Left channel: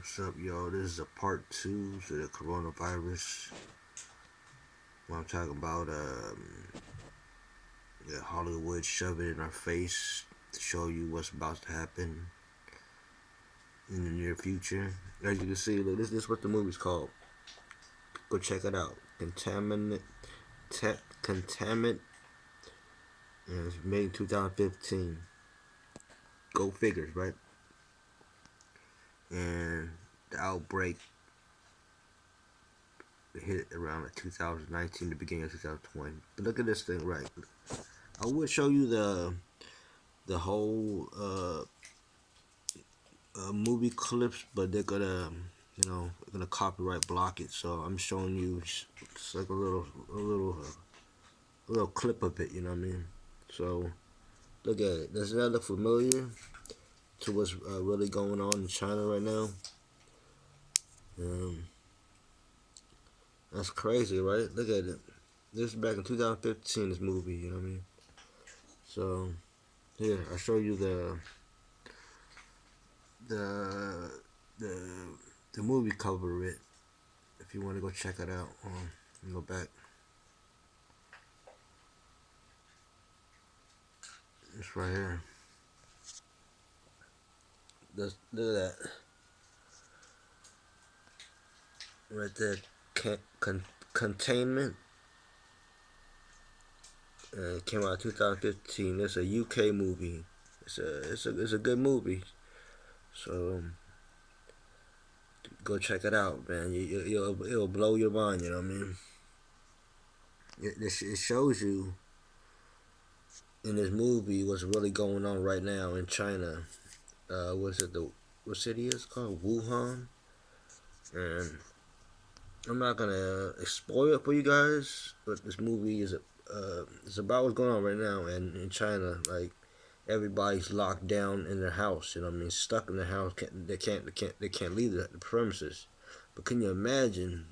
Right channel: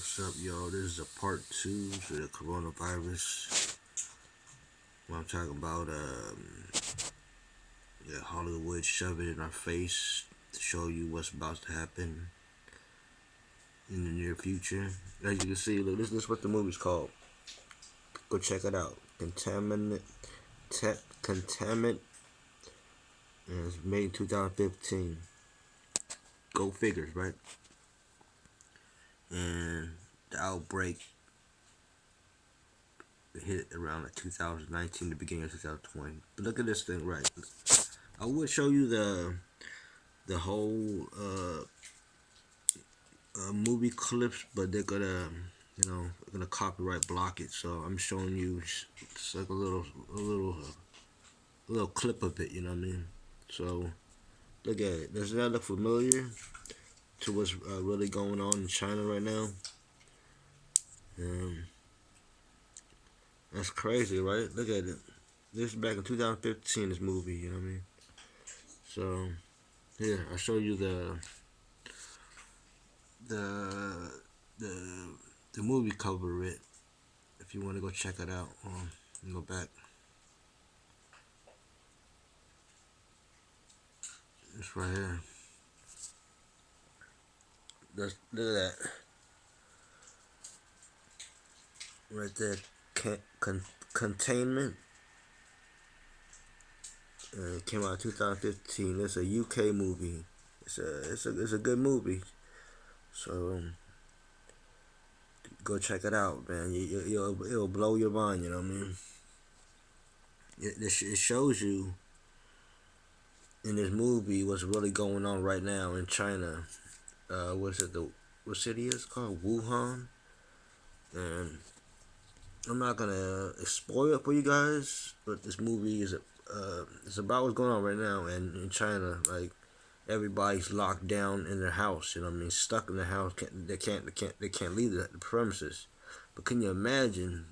What's up, y'all? This is a part 2 to the coronavirus. What I'm talking about, Hollywood shove it in our face to show you what's about to happen in the near future. As you can see, look, this is what the movie's called. Go check it out. Contaminant. And it's made in 2015. Go figures, right? And the outbreak hit around like 2019, the beginning of 2020. But look at this thing, right? I would show you the whole movie clips, but they're gonna copyright block it. So I'm showing you just like a little clip of it. You know what I mean? So look at it. Does that look familiar to what's really going on in China right now? That's crazy, right? Look at it. This is back in 2015, this movie, you know what I mean? So, here, I'll show you the movie cover of it. If you want to go check it out, go back. It's right here. Look at that. Right there. Containment. It came out in 2015. It's a UK movie. It's a good movie. So go check it out, man. It'll blow your mind. You know what I mean? It shows you in this movie what's really going on right now in China. What city is it called? Wuhan. And I'm not gonna spoil it for you guys, but this movie is it's about what's going on right now. And in China, like, everybody's locked down in their house. You know what I mean? Stuck in their house. They can't leave the premises. But can you imagine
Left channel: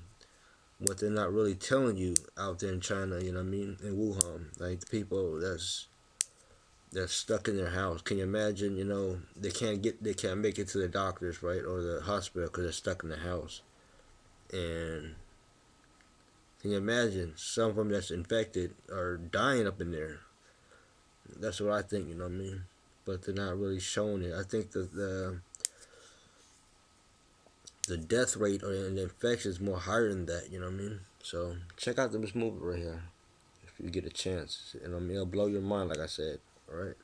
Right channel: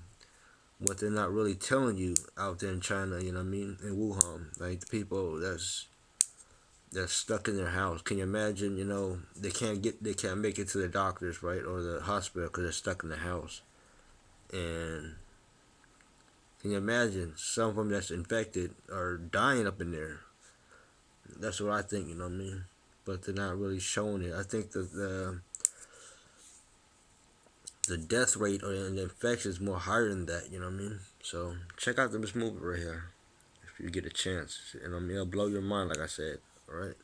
what they're not really telling you out there in China? You know what I mean? In Wuhan, like the people that's stuck in their house. Can you imagine? You know, they can't make it to the doctors, right, or the hospital because they're stuck in the house. And can you imagine some of them that's infected are dying up in there? That's what I think, you know what I mean? But they're not really showing it. I think the death rate or the infection is more higher than that, you know what I mean? So check out this movie right here if you get a chance. And I mean, it'll blow your mind, like I said. Alright,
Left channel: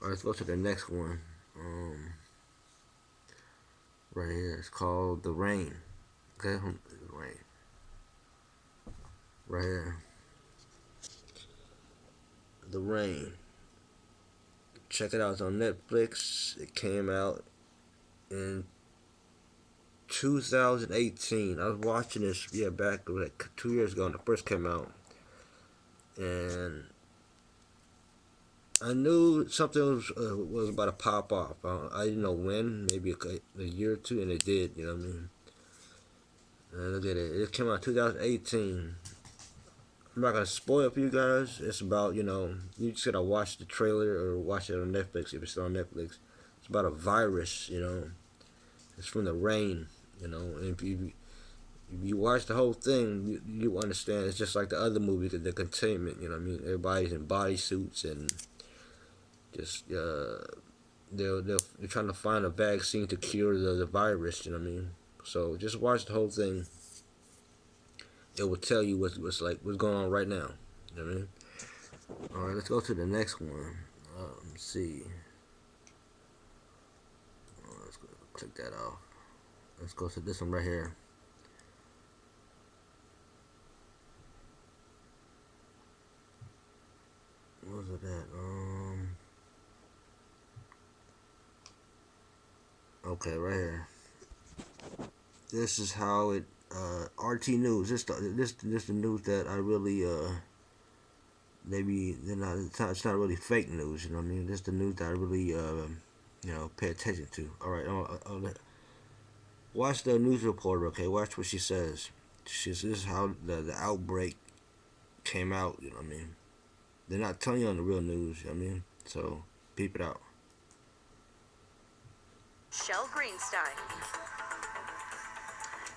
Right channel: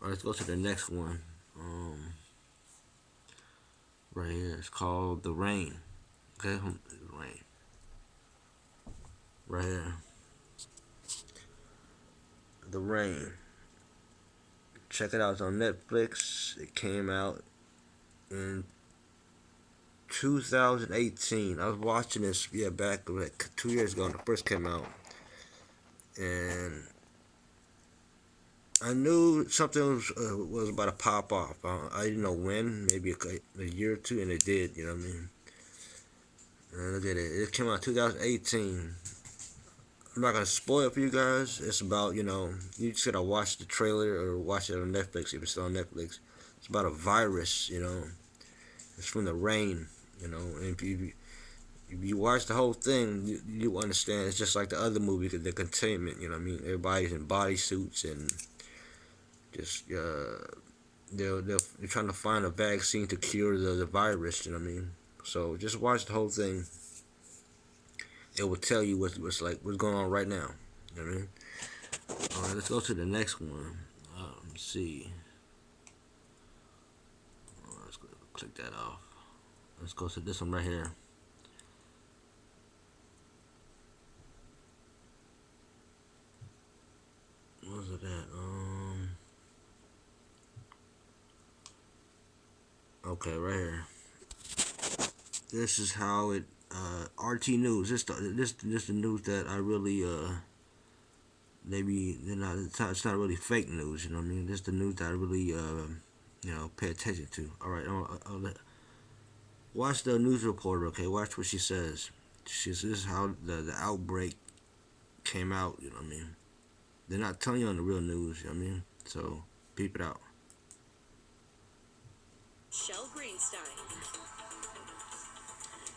let's go to the next one. Right here, it's called The Rain. Okay, Rain. Right here. The Rain. Check it out. It's on Netflix. It came out in 2018. I was watching this, back like 2 years ago when it first came out. And I knew something was about to pop off. I didn't know when, maybe a year or two, and it did, you know what I mean? And look at it. It came out in 2018. I'm not going to spoil it for you guys. It's about, you just got to watch the trailer or watch it on Netflix if it's still on Netflix. It's about a virus, It's from the rain, And if you watch the whole thing, you understand. It's just like the other movie, The Containment, you know what I mean? Everybody's in bodysuits and just, they're trying to find a vaccine to cure the virus, you know what I mean? So just watch the whole thing. It will tell you what's going on right now. You know what I mean? Alright, let's go to the next one. Let me see. Let's go click that off. Let's go to this one right here. What was it at? Okay, right here. This is how it. RT News. This the news that I really maybe they're not. It's not really fake news. You know what I mean? This is the news that I really pay attention to. All right, watch the news reporter. Okay, watch what she says. This is how the outbreak came out. You know what I mean? They're not telling you on the real news. You know what I mean? So peep it out. Michelle Greenstein.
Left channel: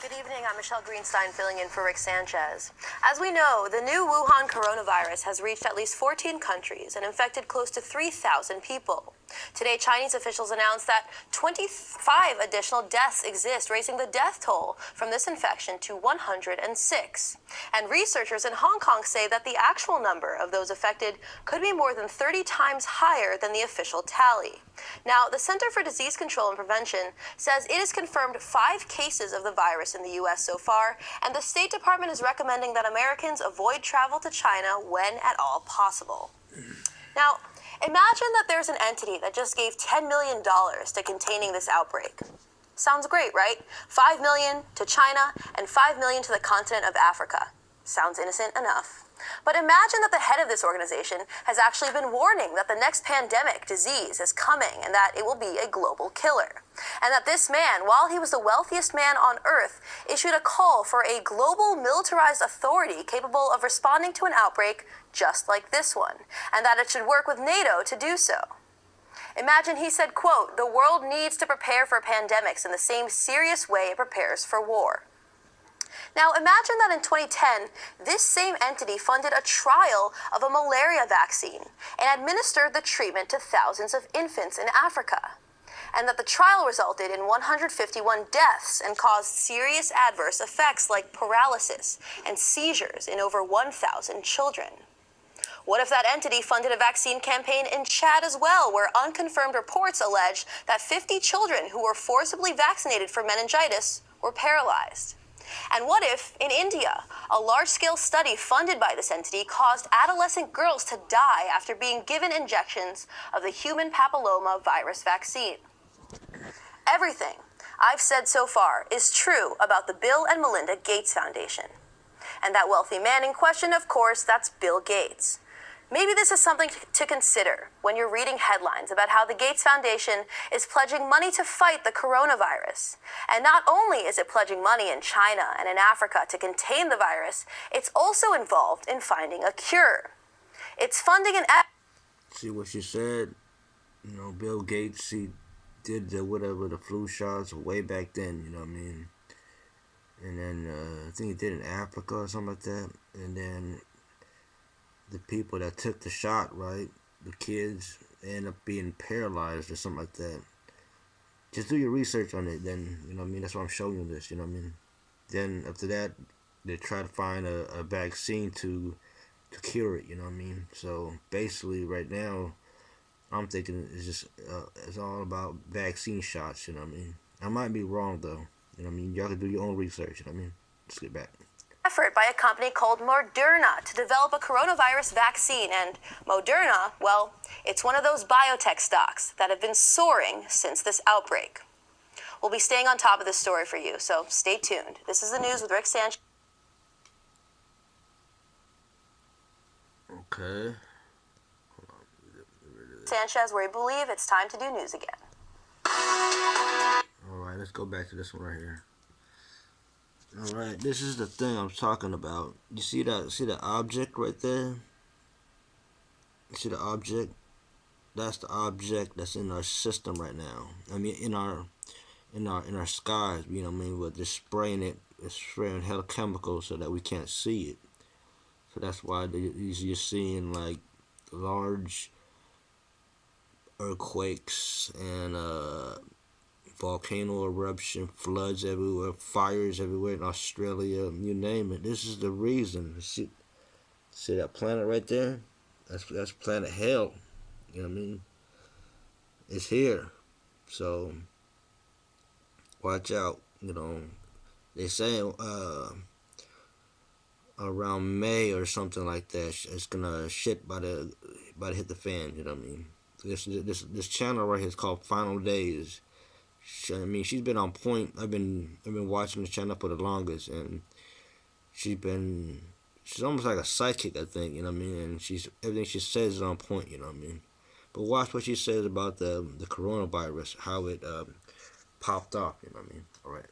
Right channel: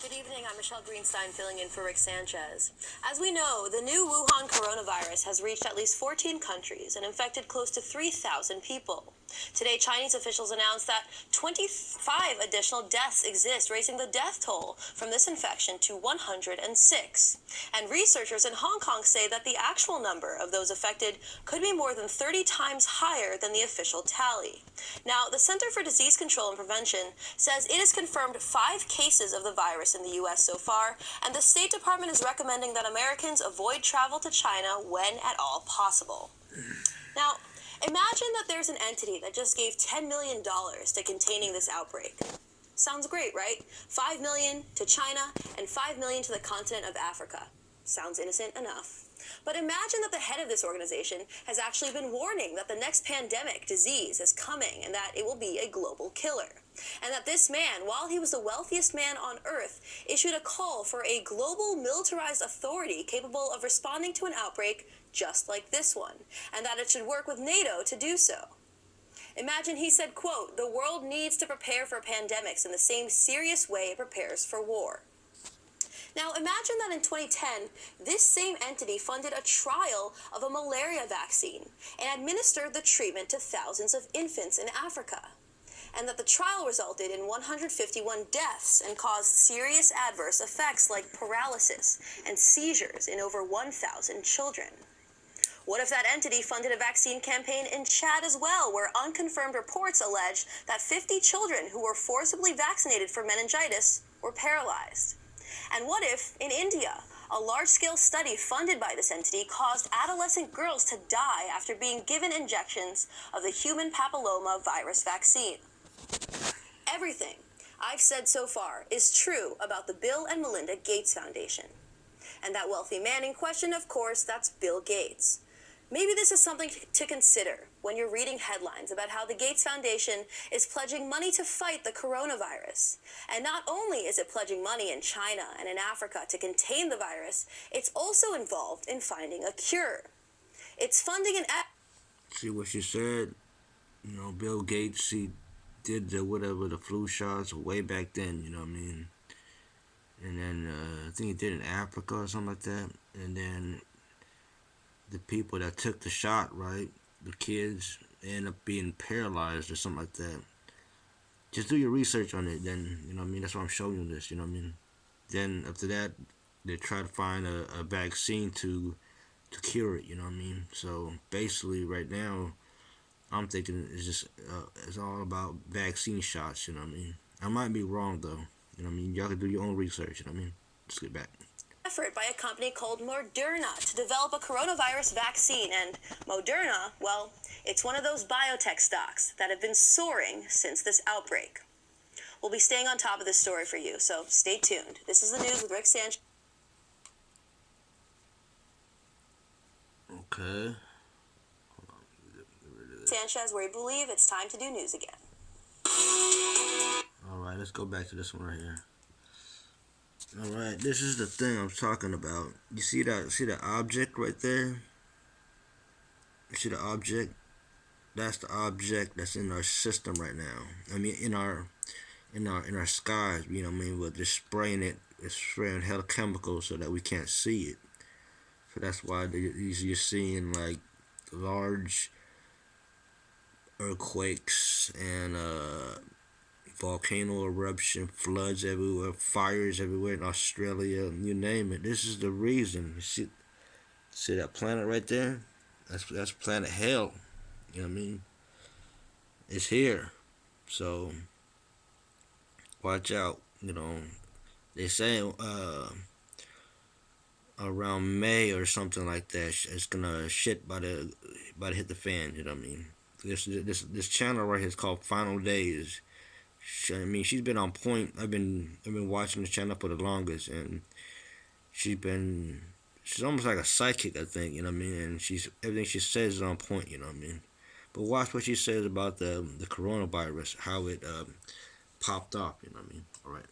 Good evening, I'm Michelle Greenstein filling in for Rick Sanchez. As we know, the new Wuhan coronavirus has reached at least 14 countries and infected close to 3,000 people. Today, Chinese officials announced that 25 additional deaths exist, raising the death toll from this infection to 106. And researchers in Hong Kong say that the actual number of those affected could be more than 30 times higher than the official tally. Now, the Center for Disease Control and Prevention says it has confirmed 5 cases of the virus in the U.S. so far, and the State Department is recommending that Americans avoid travel to China when at all possible. Now, imagine that there's an entity that just gave $10 million to containing this outbreak. Sounds great, right? $5 million to China and $5 million to the continent of Africa. Sounds innocent enough. But imagine that the head of this organization has actually been warning that the next pandemic disease is coming and that it will be a global killer. And that this man, while he was the wealthiest man on Earth, issued a call for a global militarized authority capable of responding to an outbreak just like this one, and that it should work with NATO to do so. Imagine he said, quote, "The world needs to prepare for pandemics in the same serious way it prepares for war." Now, imagine that in 2010, this same entity funded a trial of a malaria vaccine and administered the treatment to thousands of infants in Africa, and that the trial resulted in 151 deaths and caused serious adverse effects like paralysis and seizures in over 1,000 children. What if that entity funded a vaccine campaign in Chad as well, where unconfirmed reports allege that 50 children who were forcibly vaccinated for meningitis were paralyzed? And what if, in India, a large-scale study funded by this entity caused adolescent girls to die after being given injections of the human papilloma virus vaccine? Everything I've said so far is true about the Bill and Melinda Gates Foundation. And that wealthy man in question, of course, that's Bill Gates. Maybe this is something to consider when you're reading headlines about how the Gates Foundation is pledging money to fight the coronavirus. And not only is it pledging money in China and in Africa to contain the virus, it's also involved in finding a cure. It's funding an... See what she said? You know, Bill Gates, he did the flu shots way back then, you know what I mean? And then I think he did in Africa or something like that. And then the people that took the shot, right, the kids, end up being paralyzed or something like that. Just do your research on it, then, you know what I mean? That's why I'm showing you this, you know what I mean? Then after that, they try to find a vaccine to cure it, you know what I mean? So basically right now, I'm thinking it's all about vaccine shots, you know what I mean? I might be wrong though, you know what I mean? Y'all can do your own research, you know what I mean? Let's get back. Effort by a company called Moderna to develop a coronavirus vaccine. And Moderna, well, it's one of those biotech stocks that have been soaring since this outbreak. We'll be staying on top of this story for you, so stay tuned. This is the news with Rick Sanchez. Okay. Sanchez, where we believe it's time to do news again. Alright, let's go back to this one right here. Alright, this is the thing I'm talking about. You see that object right there? You see the object? That's the object that's in our system right now. I mean in our skies, you know what I mean? We're just spraying hella chemicals so that we can't see it. So that's why you're seeing like large earthquakes and volcano eruption, floods everywhere, fires everywhere in Australia, you name it. This is the reason. You see that planet right there? That's planet hell. You know what I mean? It's here. So watch out. You know, they say around May or something like that, it's gonna shit by the hit the fan. You know what I mean? This channel right here is called Final Dayz. I mean, she's been on point. I've been watching the channel for the longest, and she's almost like a psychic, I think, you know what I mean? And everything she says is on point, you know what I mean? But watch what she says about the coronavirus, how it popped off, you know what I mean? All right.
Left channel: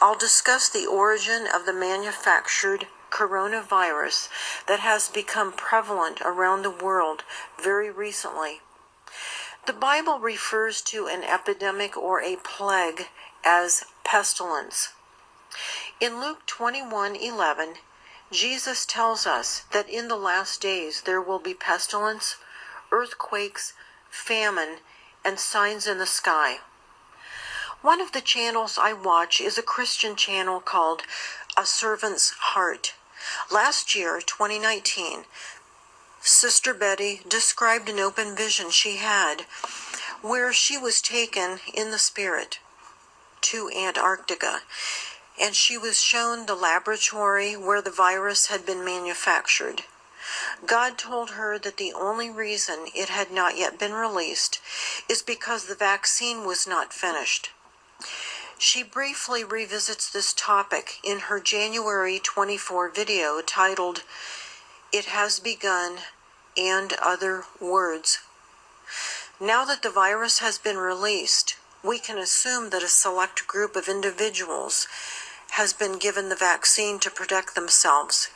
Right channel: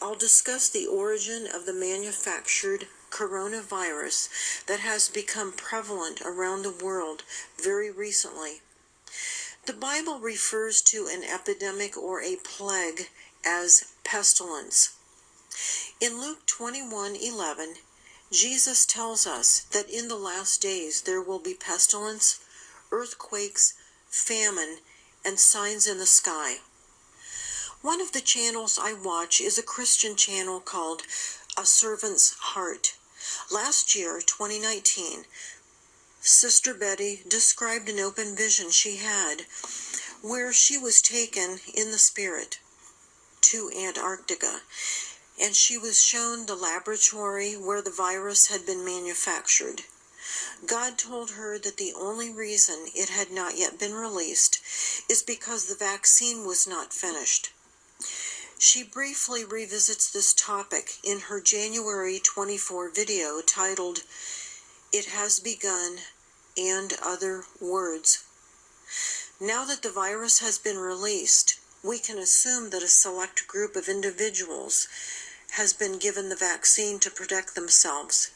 I'll discuss the origin of the manufactured coronavirus that has become prevalent around the world very recently. The Bible refers to an epidemic or a plague as pestilence. In Luke 21:11, Jesus tells us that in the last days there will be pestilence, earthquakes, famine, and signs in the sky. One of the channels I watch is a Christian channel called A Servant's Heart. Last year, 2019, Sister Betty described an open vision she had where she was taken in the spirit to Antarctica, and she was shown the laboratory where the virus had been manufactured. God told her that the only reason it had not yet been released is because the vaccine was not finished. She briefly revisits this topic in her January 24 video titled, "It Has Begun," and other words. Now that the virus has been released, we can assume that a select group of individuals has been given the vaccine to protect themselves.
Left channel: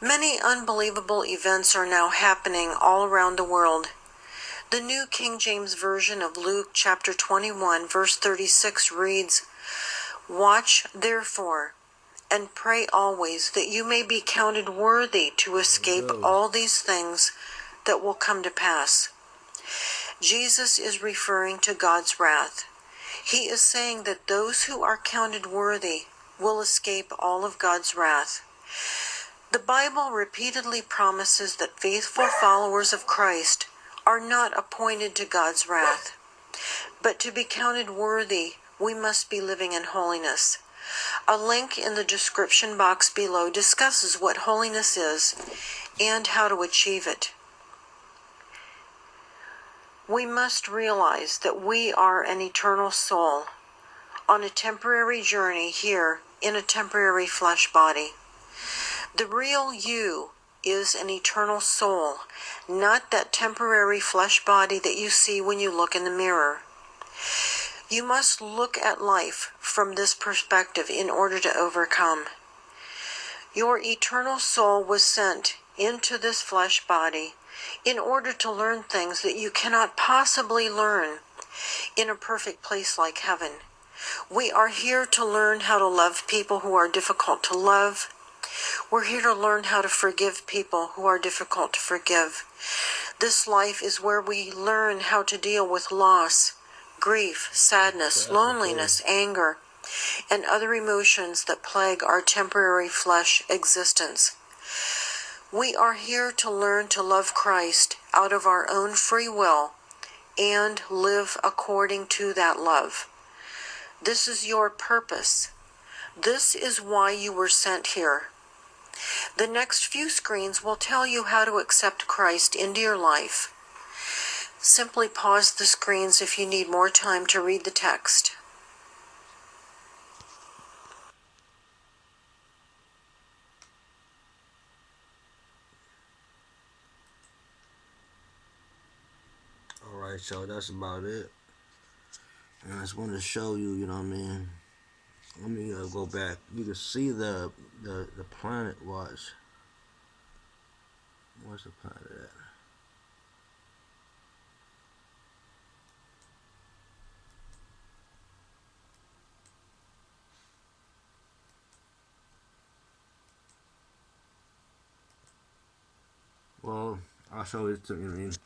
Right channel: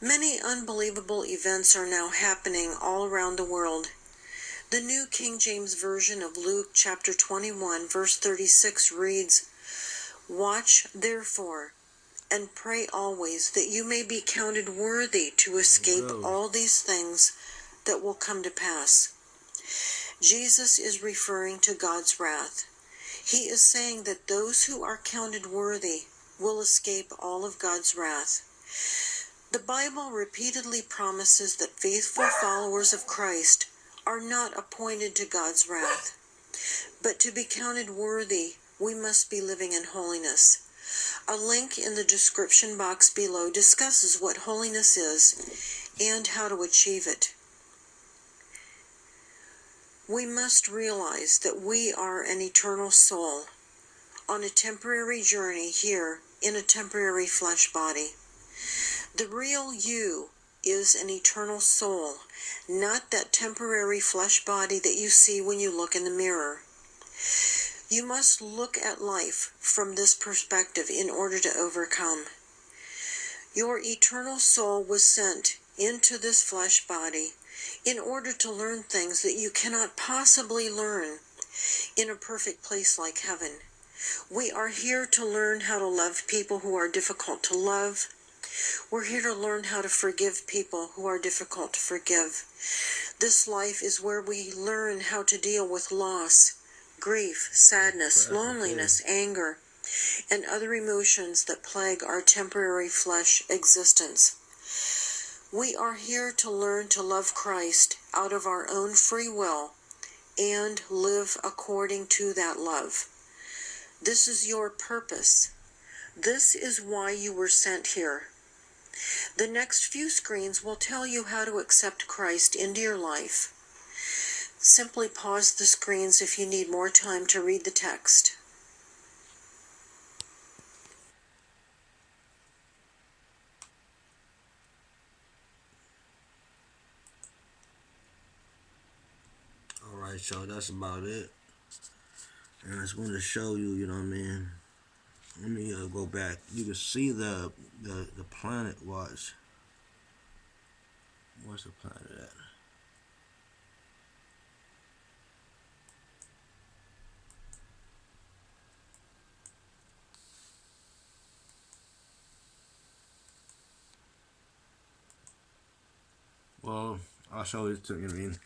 Many unbelievable events are now happening all around the world. The New King James Version of Luke chapter 21, verse 36 reads, "Watch therefore, and pray always, that you may be counted worthy to escape all these things that will come to pass." Jesus is referring to God's wrath. He is saying that those who are counted worthy will escape all of God's wrath. The Bible repeatedly promises that faithful followers of Christ are not appointed to God's wrath. But to be counted worthy, we must be living in holiness. A link in the description box below discusses what holiness is and how to achieve it. We must realize that we are an eternal soul on a temporary journey here in a temporary flesh body. The real you is an eternal soul, not that temporary flesh body that you see when you look in the mirror. You must look at life from this perspective in order to overcome. Your eternal soul was sent into this flesh body in order to learn things that you cannot possibly learn in a perfect place like heaven. We are here to learn how to love people who are difficult to love. We're here to learn how to forgive people who are difficult to forgive. This life is where we learn how to deal with loss, grief, sadness, loneliness, anger, and other emotions that plague our temporary flesh existence. We are here to learn to love Christ out of our own free will and live according to that love. This is your purpose. This is why you were sent here. The next few screens will tell you how to accept Christ into your life. Simply pause the screens if you need more time to read the text. Alright, so that's about it. And I just wanted to show you, you know what I mean? Let me go back. You can see the planet was. Where's the planet at? Well, I'll show it to you, you know what I mean?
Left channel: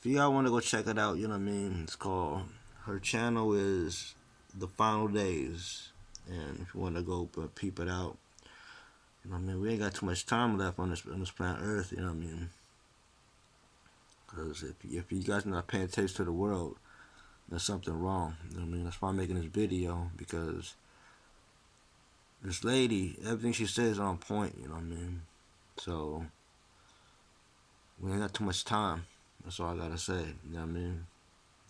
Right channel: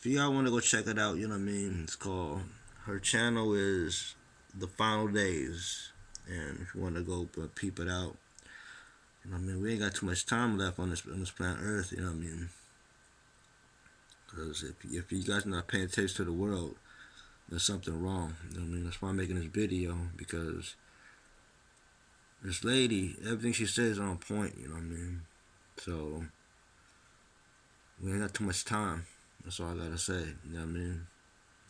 If y'all want to go check it out, you know what I mean? It's called, her channel is The Final Dayz. And if you want to go peep it out, you know what I mean? We ain't got too much time left on this planet Earth, you know what I mean? Because if you guys are not paying attention to the world, there's something wrong. You know what I mean? That's why I'm making this video, because this lady, everything she says is on point, you know what I mean? So we ain't got too much time. That's all I gotta say. You know what I mean?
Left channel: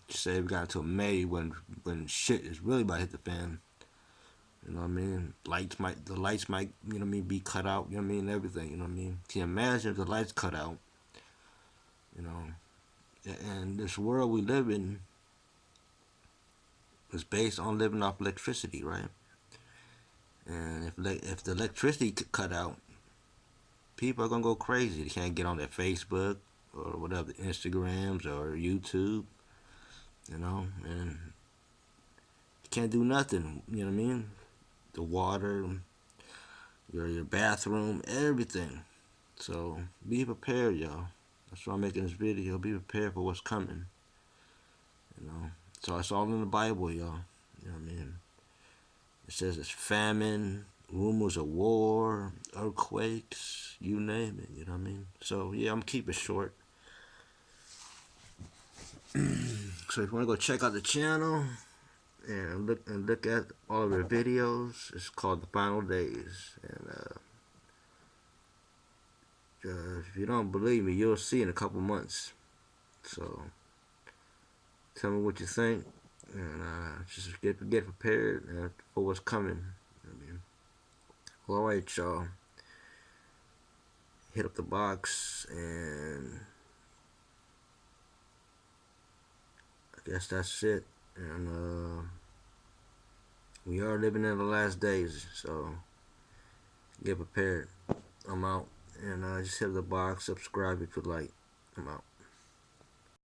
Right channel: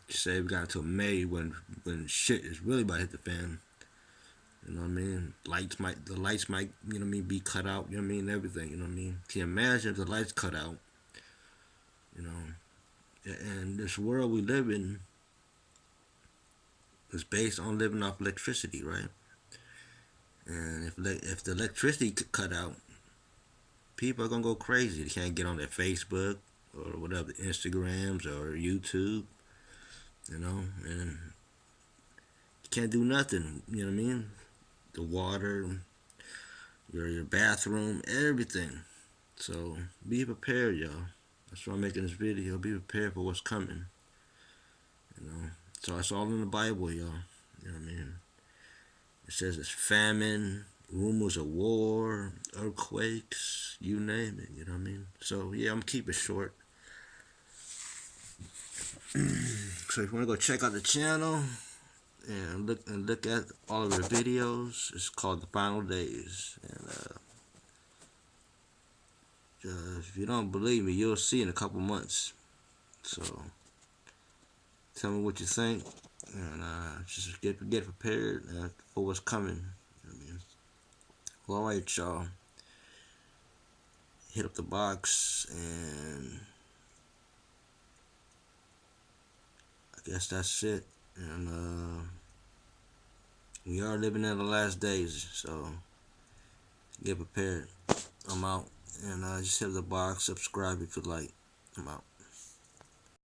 She said we got until May when shit is really about to hit the fan. You know what I mean? The lights might, you know what I mean, be cut out. You know what I mean? Everything. You know what I mean? Can you imagine if the lights cut out? You know, and this world we live in is based on living off electricity, right? And if the electricity cut out, people are gonna go crazy. They can't get on their Facebook. or whatever, Instagrams or YouTube, and you can't do nothing. You know what I mean? The water, your bathroom, everything. So be prepared, y'all. That's why I'm making this video. Be prepared for what's coming. So it's all in the Bible, y'all. You know what I mean? It says it's famine, rumors of war, earthquakes, you name it. You know what I mean? So yeah, I'm keeping it short. So if you want to go check out the channel and look at all of their videos, it's called The Final Dayz. And if you don't believe me, you'll see in a couple months. So tell me what you think, and just get prepared for what's coming. You know what I mean? Well, all right, y'all. Hit up the box, and I guess that's it. And we are living in the last days, so get prepared. I'm out. And just hit the box, subscribe if you like. I'm out.